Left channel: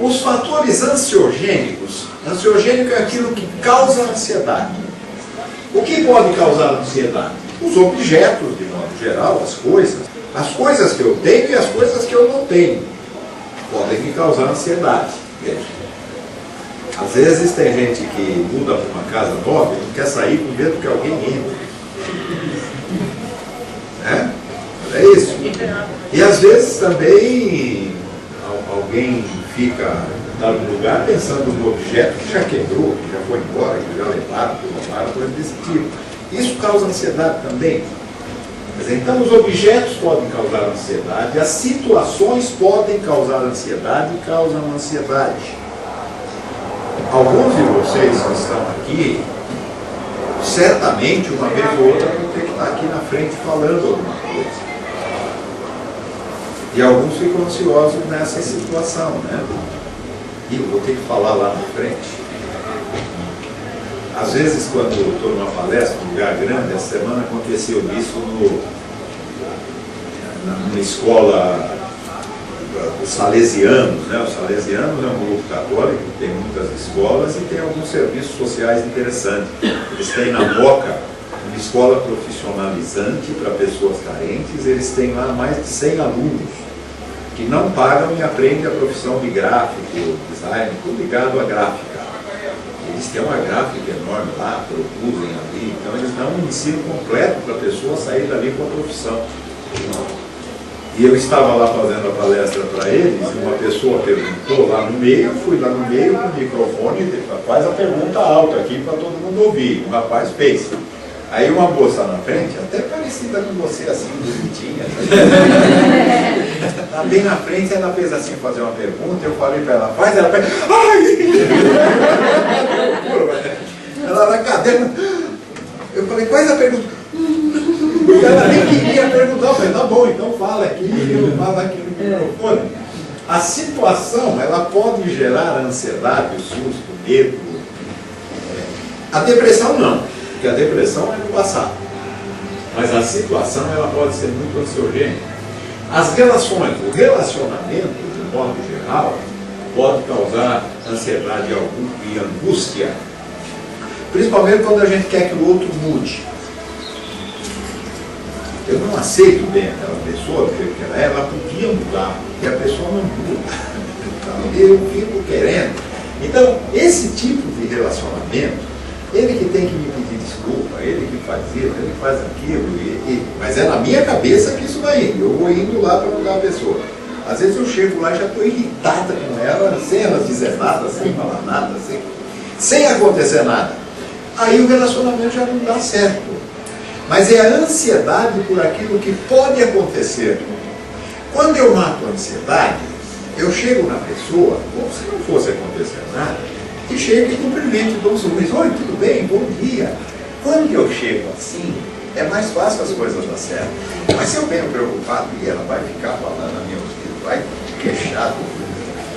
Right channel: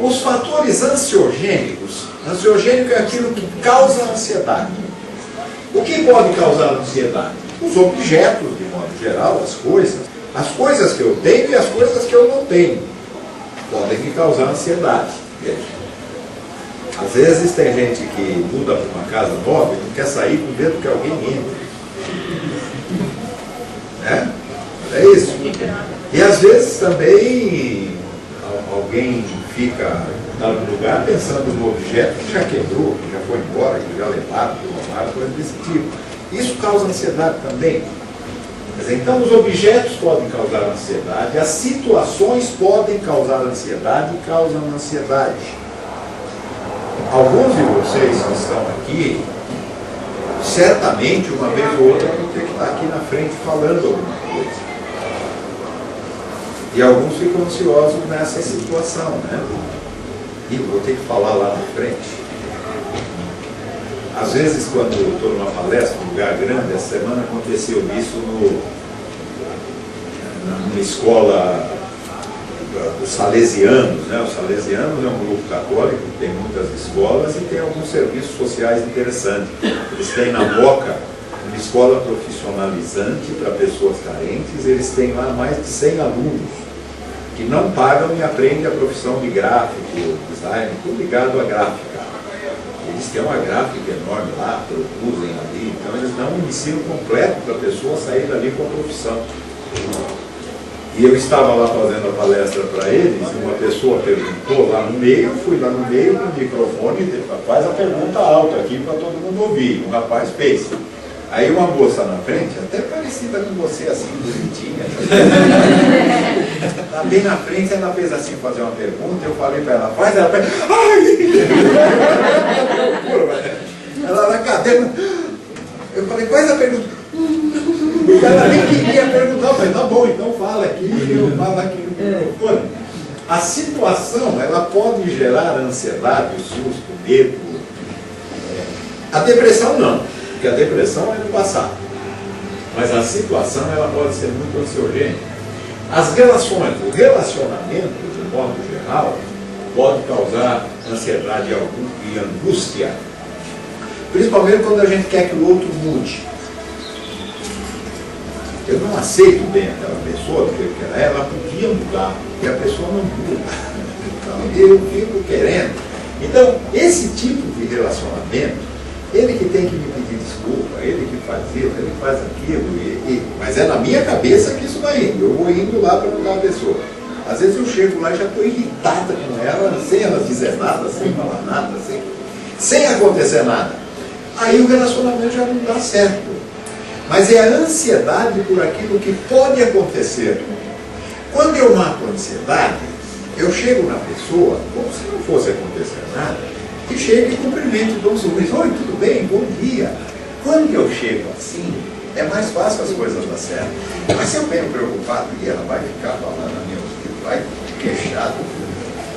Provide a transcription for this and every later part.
Os fatores ansiogênicos. Ansiogênico é aquilo que causa ansiedade. O que pode causar ansiedade? Os objetos, de modo geral, as coisas. As coisas que eu tenho e as coisas que eu não tenho podem me causar ansiedade. Às vezes tem gente que muda para uma casa nova e não quer sair com medo que alguém entre. É isso. E às vezes também alguém fica em dado lugar pensando no objeto que já quebrou, que já foi embora, que já levaram, que roubaram, coisa desse tipo. Isso causa ansiedade também. Quer dizer, então os objetos podem causar ansiedade, as situações podem causar ansiedade e causam ansiedade. Alguns de vocês que estão aqui, certamente uma vez ou outra vão ter que estar aqui na frente falando alguma coisa. E alguns ficam ansiosos nessa situação, né? E eu vou ter que falar lá na frente. Às vezes, quando eu estou numa palestra, num lugar grande, essa semana aconteceu isso numa escola dos salesianos, né? Os salesianos é um grupo católico que tem muitas escolas e tem alguns serviços sociais interessantes. Eles têm na Moca uma escola profissionalizante para pessoas carentes, eles têm lá mais de 100 alunos que não pagam e aprendem a profissão de gráfico, design, tudo ligado à gráfica. Eles têm uma gráfica enorme lá, produzem ali, então eles dão um ensino completo para a pessoa sair dali com a profissão. E eu estava lá fazendo a palestra para eles, e uma pessoa perguntou lá no meio, eu fui lá no meio com o microfone e disse, faz a pergunta alta aqui para todo mundo ouvir. O rapaz fez. Aí uma moça na frente, até parecida com você, assim, bonitinha. Tá bem na frente, ela fez assim, fazer uma pergunta, eu falei para ela, faz, ela fez, ai! Ela na cadeira, eu falei, faz a pergunta. Porque ela nem queria perguntar, eu falei, tá bom, então fala aqui, eu falo aqui no microfone. A situação, ela pode gerar ansiedade, susto, medo. A depressão não, porque a depressão é no passado. Mas a situação, ela pode ser muito ansiogênica. As relações, o relacionamento, de modo geral, pode causar ansiedade e angústia. Principalmente quando a gente quer que o outro mude. Eu não aceito bem aquela pessoa, porque ela podia mudar, e a pessoa não muda. Então, eu fico querendo. Então, esse tipo de relacionamento, ele que tem que me pedir desculpa, ele que faz isso, ele que faz aquilo, mas é na minha cabeça que isso vai indo. Eu vou indo lá para mudar a pessoa. Às vezes eu chego lá e já estou irritada com ela, sem ela dizer nada, sem falar nada, sem acontecer nada. Aí o relacionamento já não dá certo. Mas é a ansiedade por aquilo que pode acontecer. Quando eu mato a ansiedade, eu chego na pessoa, como se não fosse acontecer nada, e chego e cumprimento e dou um sorriso. Oi, tudo bem? Bom dia. Quando eu chego assim, é mais fácil as coisas dar certo. Mas se eu venho preocupado e ela vai ficar falando a minha ouvido, vai queixar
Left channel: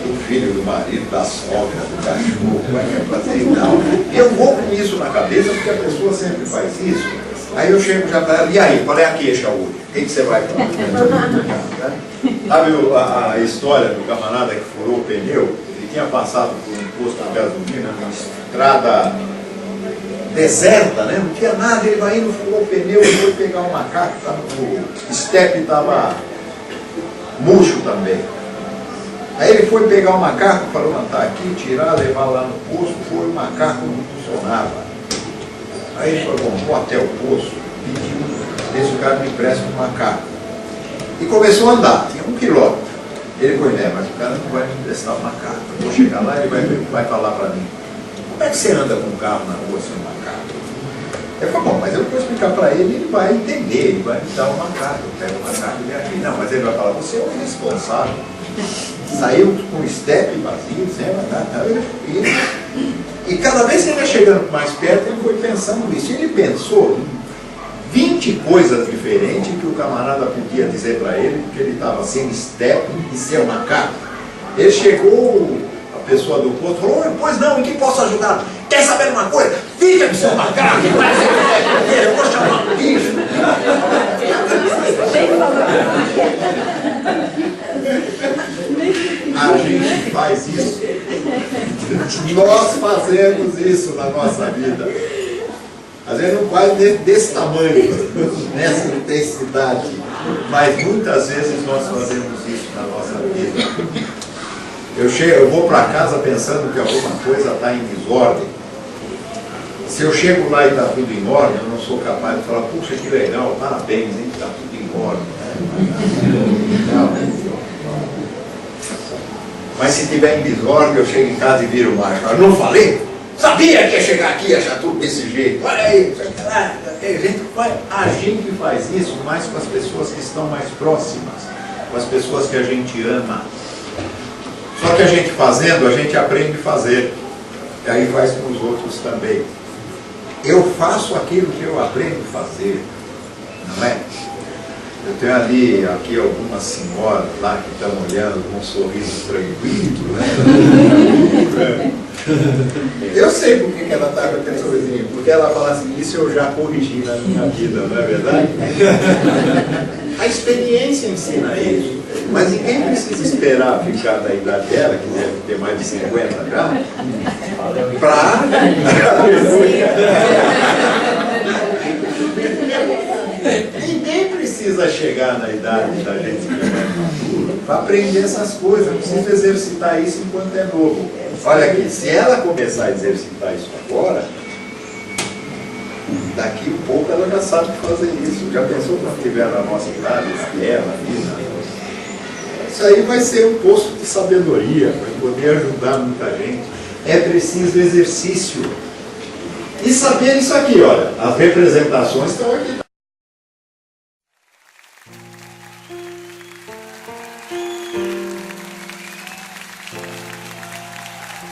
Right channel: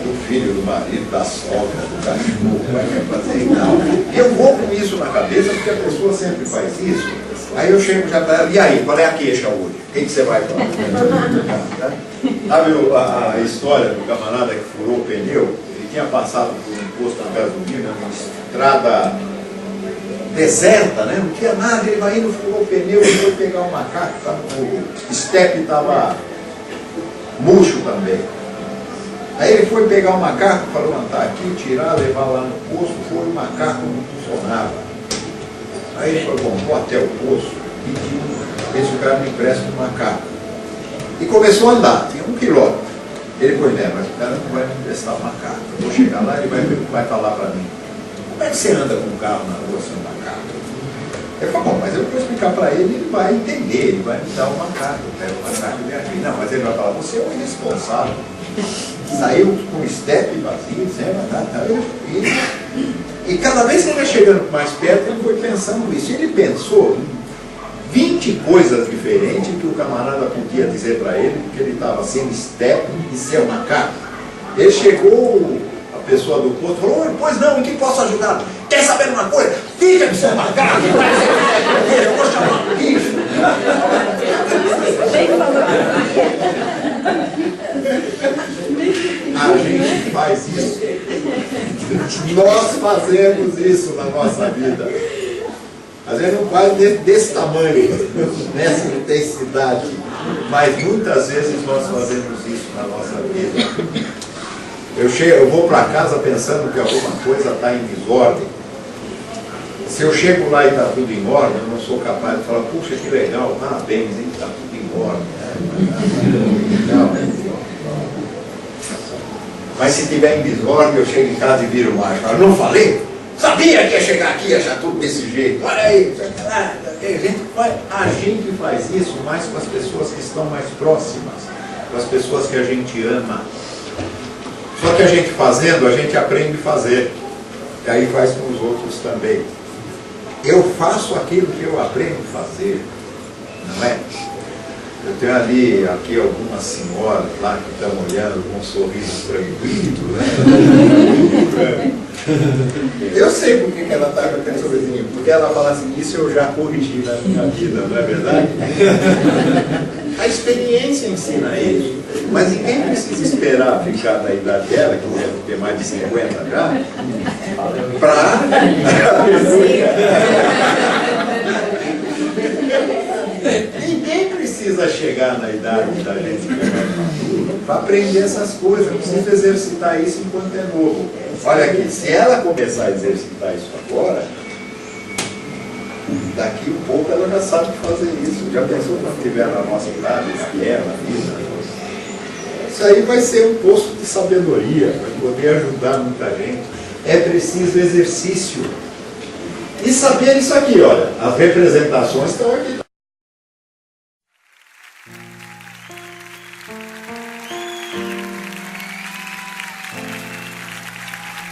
do filho, do marido, da sogra, do cachorro, vai me fazer e tal. E eu vou com isso na cabeça, porque a pessoa sempre faz isso. Aí eu chego já para ela, e aí, qual é a queixa hoje? O que você vai falar? Sabe a história do camarada que furou o pneu? Ele tinha passado por um posto de gasolina, uma estrada deserta, né? Não tinha nada, ele vai indo, furou o pneu, e foi pegar um macaco, tá? O estepe estava murcho também. Aí ele foi pegar o macaco para levantar aqui, tirar, levar lá no posto, foi, o macaco não funcionava. Aí ele falou, bom, vou até o posto, pediu, esse cara me empresta um macaco. E começou a andar, tinha 1 quilômetro. Ele foi, né, mas o cara não vai me emprestar o macaco. Eu vou chegar lá e ele vai falar para mim, como é que você anda com um carro na rua sem um macaco? Ele falou, bom, mas eu vou explicar para ele, ele vai entender, ele vai me dar o macaco, eu pego o macaco e vem aqui. Não, mas ele vai falar, você é o irresponsável. Saiu com o estepe vazio, sem macaco, e cada vez que ele ia chegando mais perto, ele foi pensando nisso. Ele pensou em 20 coisas diferentes que o camarada podia dizer para ele, porque ele estava sem estepe e sem macaco. Ele chegou, a pessoa do posto falou, pois não, em que posso ajudar? Quer saber uma coisa? Fica com seu macaco, eu vou chamar o bicho. A gente faz isso. Nós fazemos isso na nossa vida. Às vezes não faz desse tamanho, nessa intensidade, mas muitas vezes nós fazemos isso na nossa vida. Eu vou para casa pensando que alguma coisa está em desordem. Se eu chego lá e está tudo em ordem, eu não sou capaz de falar, puxa, que legal, parabéns, está tudo em ordem. Mas se tiver em desordem, eu chego em casa e viro o macho. Eu não falei? Sabia que ia chegar aqui e achar tudo desse jeito. Olha aí, a gente faz isso mais com as pessoas que estão mais próximas, com as pessoas que a gente ama. Só que a gente fazendo, a gente aprende a fazer. E aí faz com os outros também. Eu faço aquilo que eu aprendo a fazer, não é? Eu tenho aqui algumas senhoras lá que estão olhando com um sorriso tranquilo, né? Eu sei por que ela está com aquele sorrisinho, porque ela fala assim, isso eu já corrigi na minha vida, não é verdade? A experiência ensina isso. Mas ninguém precisa esperar ficar na idade dela, que deve ter mais de 50 já, para... Ninguém precisa chegar na idade da gente que é mais maduro para aprender essas coisas. Precisa exercitar isso enquanto é novo. Olha aqui, se ela começar a exercitar isso agora, daqui um pouco ela já sabe fazer isso. Já pensou quando estiver na nossa idade, que é na vida? Isso aí vai ser um posto de sabedoria, vai poder ajudar muita gente. É preciso exercício. E saber isso aqui, olha, as representações estão aqui.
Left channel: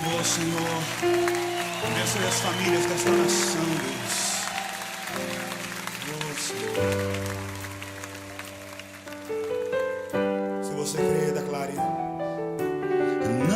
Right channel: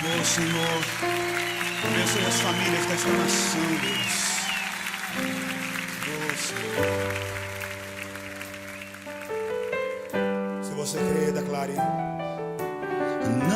Oh Senhor, abençoe as famílias desta nação, Deus. Oh Senhor. Se você crê, declare.